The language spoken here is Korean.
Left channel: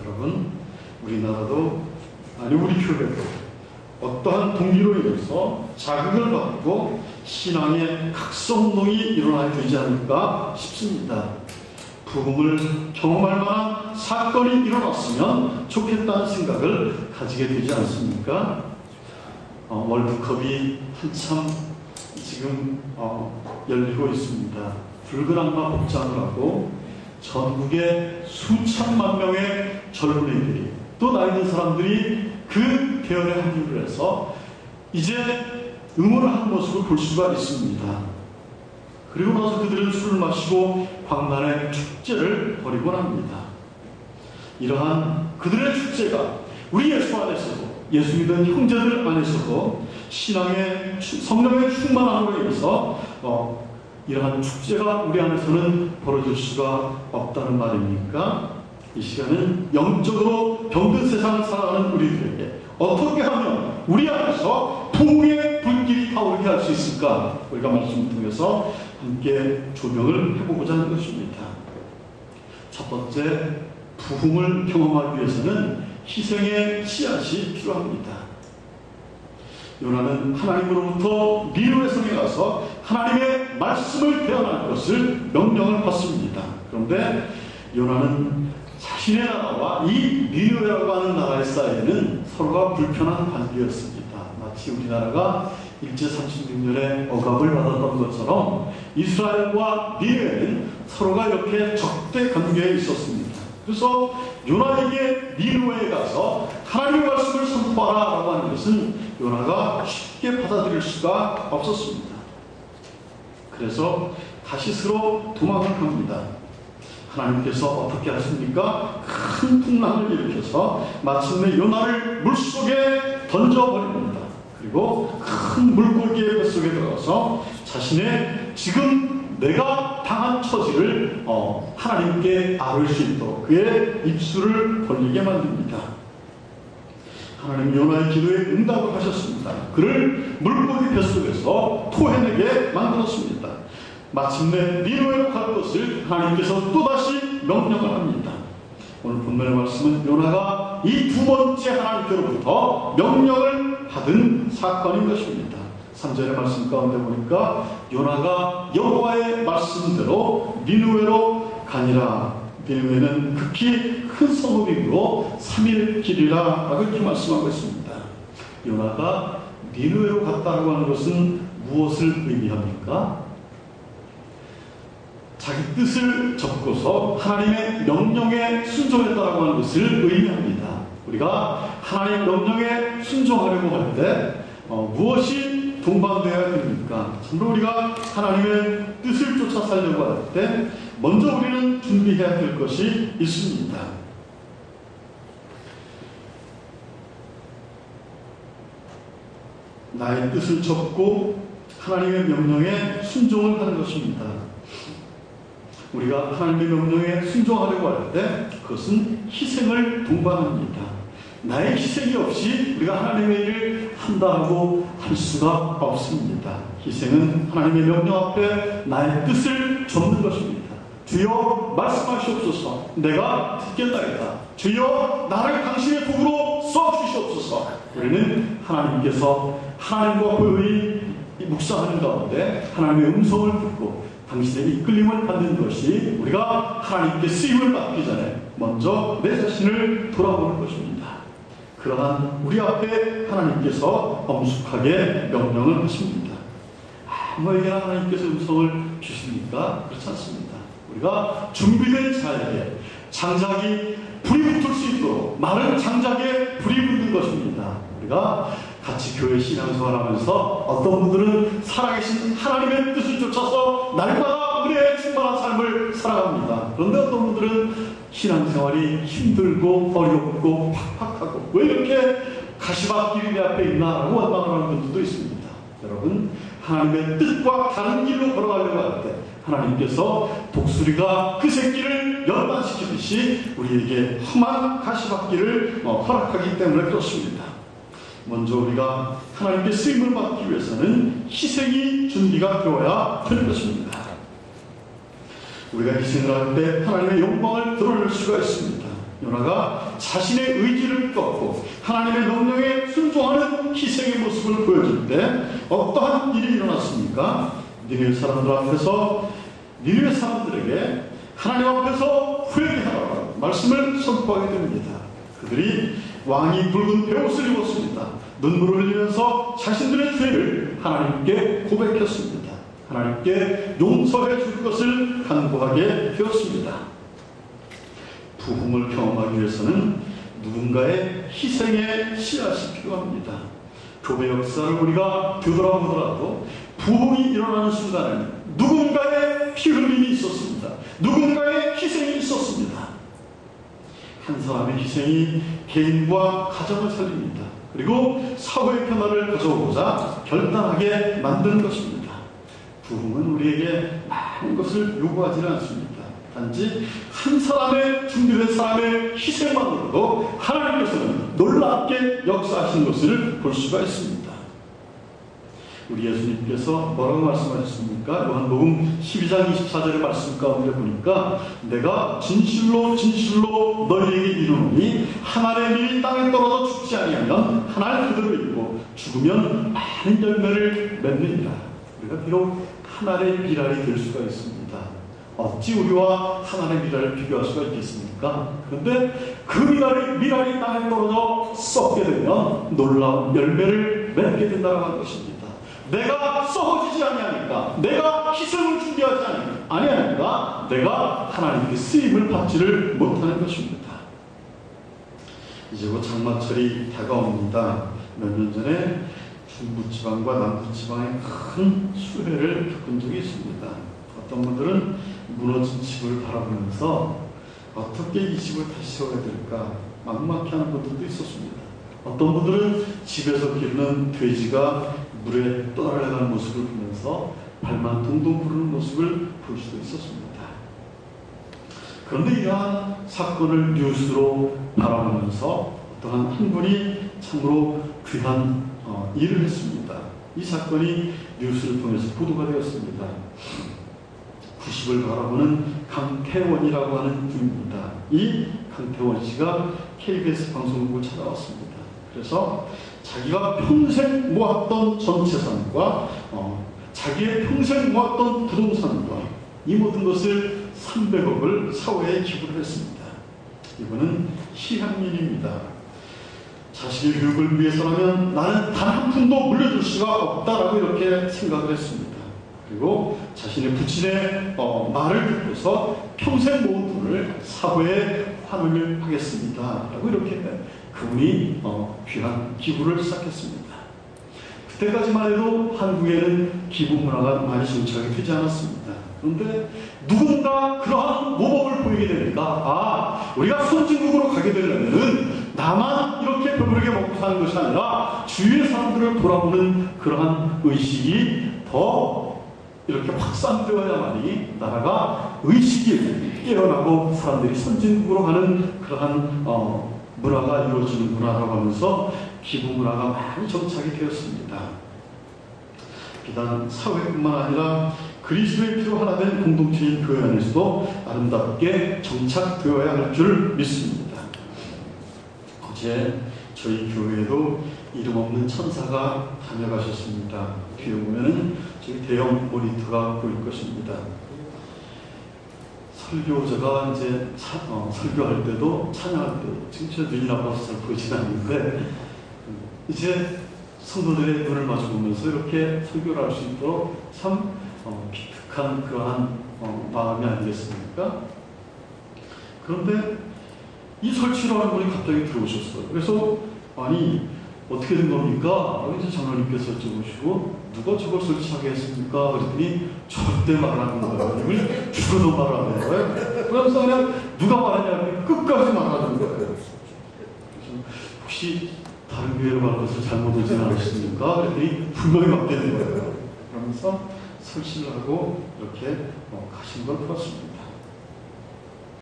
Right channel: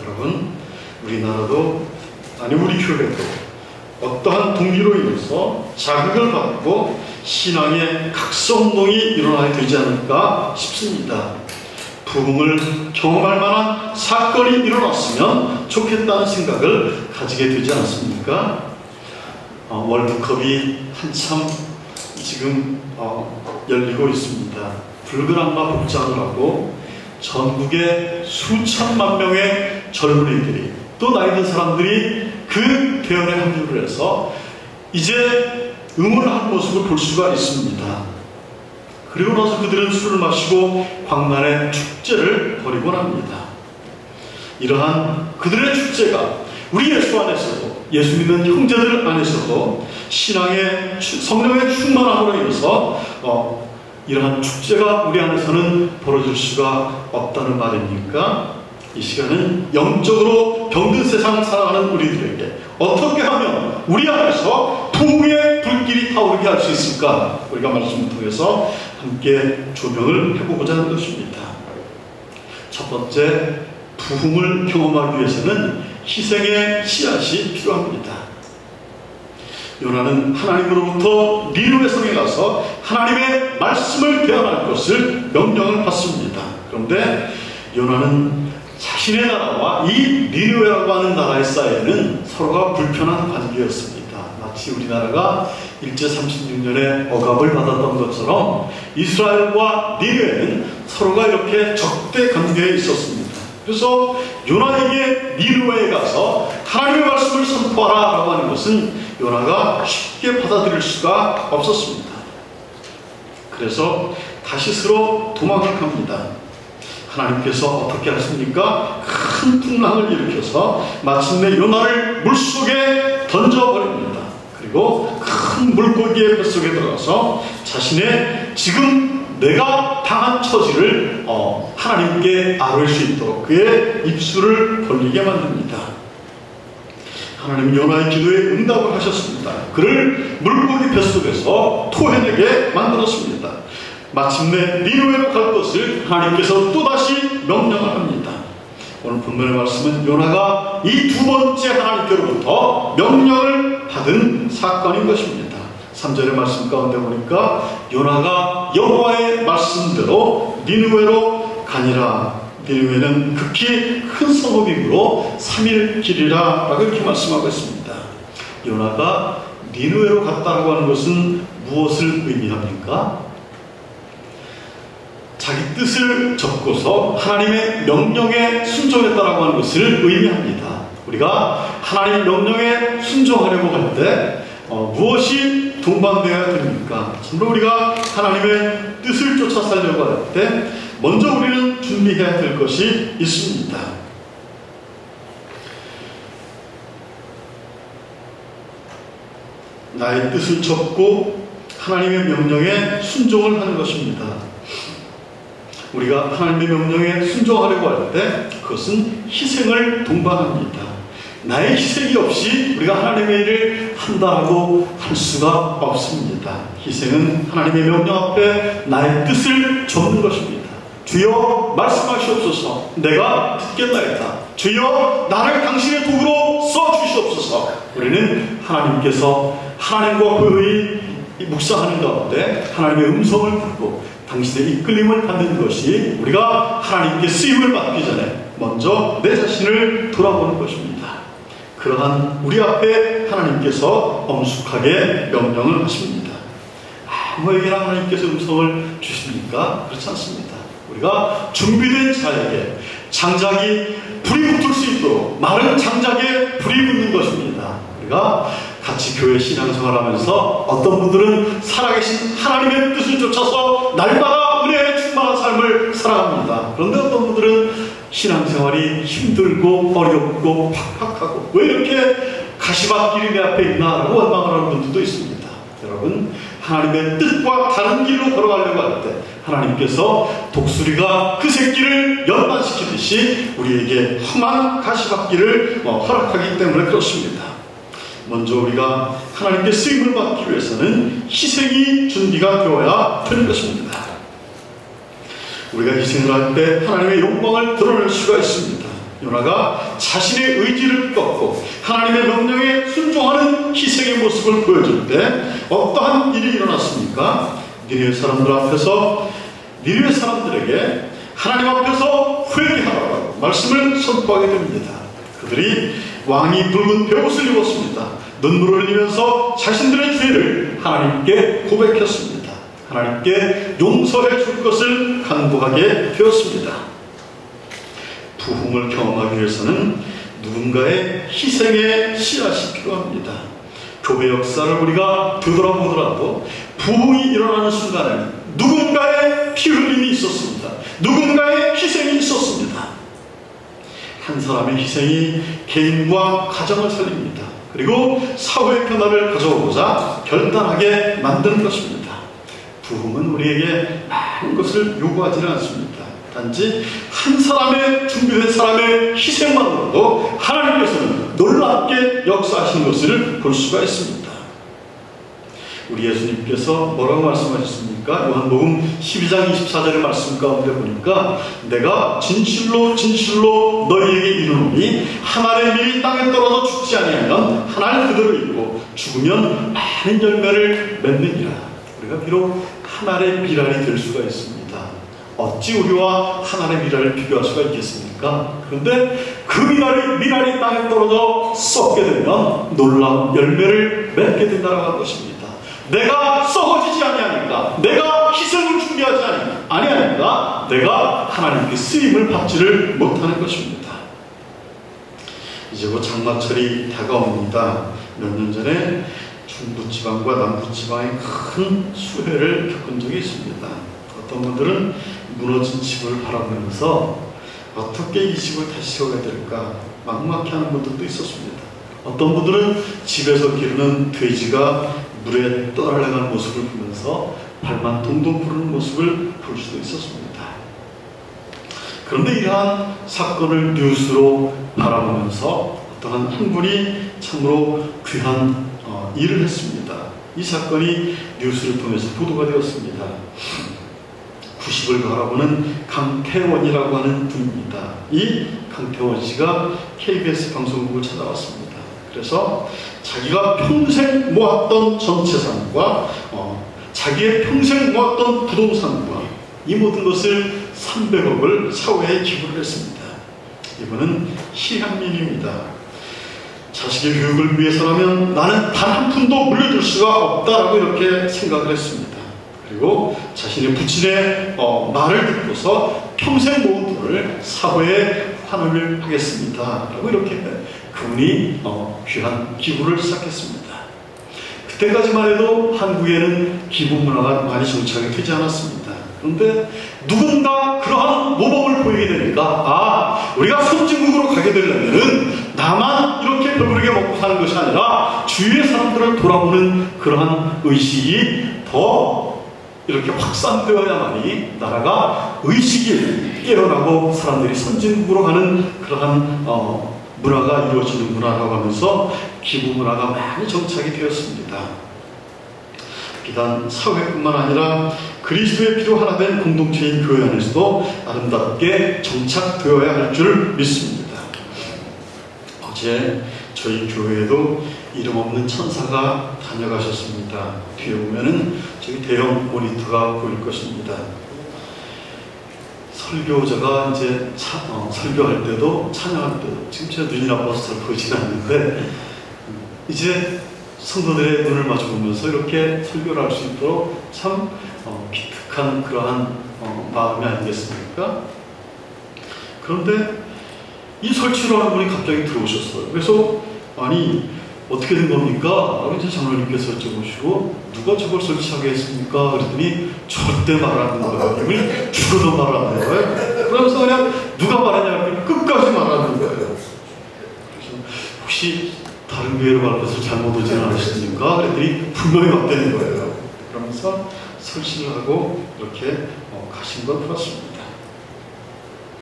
여러분, 우리나라도 아니 우리 교회도 어떠한 동기로 인해서 자극을 받고 신앙의 각성운동이 일어나야 되지 않을까 싶습니다. 부흥을 경험할 만한 사건이 일어났으면 좋겠다는 생각을 가지게 되지 않습니까? 월드컵이 한참 지금 열리고 있습니다. 붉은 악마 복장을 하고 전국의 수천만 명의 젊은이들이 또 나이 든 사람들이 그 대열에 합류를 해서 이제 응원하는 모습을 볼 수가 있습니다. 그리고 나서 그들은 술을 마시고 광란의 축제를 벌이곤 합니다. 이러한 그들의 축제가 우리 예수 안에서도, 예수 믿는 형제들 안에서도 신앙의 성령의 충만함으로 인해서 이러한 축제가 우리 안에서는 벌어질 수가 없다는 말입니까? 이 시간은 영적으로 병든 세상을 살아가는 우리들에게 어떻게 하면 우리 안에서 부흥의 불길이 타오르게 할 수 있을까? 우리가 말씀을 통해서 함께 조명을 해보고자 하는 것입니다. 첫 번째, 부흥을 경험하기 위해서는 희생의 씨앗이 필요합니다. 요나는 하나님으로부터 니느웨 성에 가서 하나님의 말씀을 대언할 것을 명령을 받습니다. 그런데 요나는 자신의 나라와 이 니느웨라고 하는 나라의 사이에는 서로가 불편한 관계였습니다. 마치 우리나라가 일제 36년에 억압을 받았던 것처럼 이스라엘과 니느웨는 서로가 이렇게 적대 관계에 있었습니다. 그래서 요나에게 니느웨에 가서 하나님의 말씀을 선포하라 라고 하는 것은 요나가 쉽게 받아들일 수가 없었습니다. 그래서 다시스로 도망을 갑니다. 하나님께서 어떻게 하십니까? 큰 풍랑을 일으켜서 마침내 요나를 물속에 던져버립니다. 그리고 큰 물고기의 뱃속에 들어가서 자신의 지금 내가 당한 처지를 하나님께 아뢰 수 있도록 그의 입술을 벌리게 만듭니다. 하나님은 요나의 기도에 응답을 하셨습니다. 그를 물고기 뱃속에서 토해내게 만들었습니다. 마침내 니느웨로 갈 것을 하나님께서 또다시 명령을 합니다. 오늘 본문의 말씀은 요나가 이 두 번째 하나님께로부터 명령을 받은 사건인 것입니다. 3절의 말씀 가운데 보니까 요나가 여호와의 말씀대로 니느웨로 가니라. 니느웨는 극히 큰 성읍이므로 3일 길이라 라고 이렇게 말씀하고 있습니다. 요나가 니느웨로 갔다라고 하는 것은 무엇을 의미합니까? 자기 뜻을 접고서 하나님의 명령에 순종했다라고 하는 것을 의미합니다. 우리가 하나님의 명령에 순종하려고 할 때 무엇이 동반되어야 됩니까? 참으로 우리가 하나님의 뜻을 쫓아 살려고 할 때 먼저 우리는 준비해야 될 것이 있습니다. 나의 뜻을 접고 하나님의 명령에 순종을 하는 것입니다. 우리가 하나님의 명령에 순종하려고 할 때 그것은 희생을 동반합니다. 나의 희생이 없이 우리가 하나님의 일을 한다고 할 수가 없습니다. 희생은 하나님의 명령 앞에 나의 뜻을 접는 것입니다. 주여 말씀하시옵소서. 내가 듣겠나이다. 주여 나를 당신의 도구로 써주시옵소서. 우리는 하나님께서 하나님과 그의 묵상하는 가운데 하나님의 음성을 듣고 당신의 이끌림을 받는 것이 우리가 하나님께 쓰임을 받기 전에 먼저 내 자신을 돌아보는 것입니다. 그러한 우리 앞에 하나님께서 엄숙하게 명령을 하십니다. 아무에게나 하나님께서 음성을 주십니까? 그렇지 않습니다. 우리가 준비된 자에게 장작이 불이 붙을 수 있도록 마른 장작에 불이 붙는 것입니다. 우리가 같이 교회 신앙생활하면서 어떤 분들은 살아계신 하나님의 뜻을 쫓아서 날마다 은혜에 충만한 삶을 살아갑니다. 그런데 어떤 분들은 신앙생활이 힘들고 어렵고 팍팍하고 왜 이렇게 가시밭길이 내 앞에 있나 라고 원망을 하는 분들도 있습니다. 여러분, 하나님의 뜻과 다른 길로 걸어가려고 할 때 하나님께서 독수리가 그 새끼를 연단시키듯이 우리에게 험한 가시밭길을 허락하기 때문에 그렇습니다. 먼저 우리가 하나님께 쓰임을 받기 위해서는 희생이 준비가 되어야 되는 것입니다. 우리가 희생을 할 때 하나님의 영광을 드러낼 수가 있습니다. 요나가 자신의 의지를 꺾고 하나님의 명령에 순종하는 희생의 모습을 보여줄 때 어떠한 일이 일어났습니까? 니느웨 사람들 앞에서 니느웨 사람들에게 하나님 앞에서 회개하라고 말씀을 선포하게 됩니다. 그들이 왕이 붉은 베옷을 입었습니다. 눈물을 흘리면서 자신들의 죄를 하나님께 고백했습니다. 하나님께 용서해 줄 것을 간구하게 되었습니다. 부흥을 경험하기 위해서는 누군가의 희생의 씨앗이 필요합니다. 교회 역사를 우리가 되돌아보더라도 부흥이 일어나는 순간에는 누군가의 피 흘림이 있었습니다. 누군가의 희생이 있었습니다. 한 사람의 희생이 개인과 가정을 살립니다. 그리고 사회의 변화를 가져오고자 결단하게 만드는 것입니다. 부흥은 우리에게 많은 것을 요구하지는 않습니다. 단지 한 사람의 준비된 사람의 희생만으로도 하나님께서는 놀랍게 역사하시는 것을 볼 수가 있습니다. 우리 예수님께서 뭐라고 말씀하셨습니까? 요한복음 12장 24절의 말씀 가운데 보니까 내가 진실로 진실로 너희에게 이르노니 한 알의 밀이 땅에 떨어져 죽지 아니하면 한 알 그대로 있고 죽으면 많은 열매를 맺느니라. 우리가 비록 한 알의 밀알이 될 수가 있습니다. 어찌 우리와 한 알의 밀알을 비교할 수가 있겠습니까? 그런데 그 밀알이 땅에 떨어져 썩게 되면 놀라운 열매를 맺게 된다고 할 것입니다. 내가 썩어지지 아니하니까, 내가 희생을 준비하지 아니하니까 내가 하나님께 쓰임을 받지를 못하는 것입니다. 이제 곧 장마철이 다가옵니다. 몇 년 전에 중부지방과 남부지방에 큰 수해를 겪은 적이 있습니다. 어떤 분들은 무너진 집을 바라보면서 어떻게 이 집을 다시 세워야 될까 막막해하는 분들도 있었습니다. 어떤 분들은 집에서 기르는 돼지가 물에 떠날려가는 모습을 보면서 발만 동동 구르는 모습을 볼 수도 있었습니다. 그런데 이러한 사건을 뉴스로 바라보면서 어떠한 한 분이 참으로 귀한 일을 했습니다. 이 사건이 뉴스를 통해서 보도가 되었습니다. 90을 바라보는 강태원이라고 하는 분입니다. 이 강태원 씨가 KBS 방송국을 찾아왔습니다. 그래서 자기가 평생 모았던 전체산과 자기의 평생 모았던 부동산과 이 모든 것을 300억을 사회에 기부를 했습니다. 이분은 시향민입니다. 자식의 교육을 위해서라면 나는 단 한 푼도 물려줄 수가 없다라고 이렇게 생각을 했습니다. 그리고 자신의 부친의 말을 듣고서 평생 모은 돈을 사회에 환원을 하겠습니다 라고 이렇게 그분이 귀한 기부를 시작했습니다. 그때까지만 해도 한국에는 기부 문화가 많이 정착이 되지 않았습니다. 그런데 누군가 그러한 모범을 보이게 되니까 우리가 선진국으로 가게 되려면은 나만 이렇게 배부르게 먹고 사는 것이 아니라 주위의 사람들을 돌아보는 그러한 의식이 더 이렇게 확산되어야만이 나라가 의식이 깨어나고 사람들이 선진국으로 가는 그러한 문화가 이루어지는구나라고 하면서 기부 문화가 많이 정착이 되었습니다. 비단 사회뿐만 아니라 그리스도의 피로 하나 된 공동체인 교회 안에서도 아름답게 정착되어야 할 줄 믿습니다. 어제 저희 교회에도 이름 없는 천사가 다녀가셨습니다. 뒤에 보면은 저기 대형 모니터가 보일 것입니다. 설교자가 이제 설교할 때도 찬양할 때도 지금 제 눈이 나빠서 잘 보이지는 않는데 이제 성도들의 눈을 마주보면서 이렇게 설교를 할 수 있도록 참 기특한 그러한 마음이 아니겠습니까? 그런데 이 설치를 하는 분이 갑자기 들어오셨어요. 그래서 아니 어떻게 된 겁니까? 이제 장로님께서 여쭤보시고 누가 저걸 설치하게 했습니까? 그랬더니 절대 말 안 하는 거예요. 이분이 죽어도 말을 안 하는 거예요. 그러면서 그냥 누가 말하냐 할 때 끝까지 말하는 거예요. 그래서 혹시 다른 교회로 갈 것을 잘못 오진 않으십니까? 그랬더니 분명히 맞대는 거예요. 그러면서 설치를 하고 이렇게 가신 걸 보았습니다.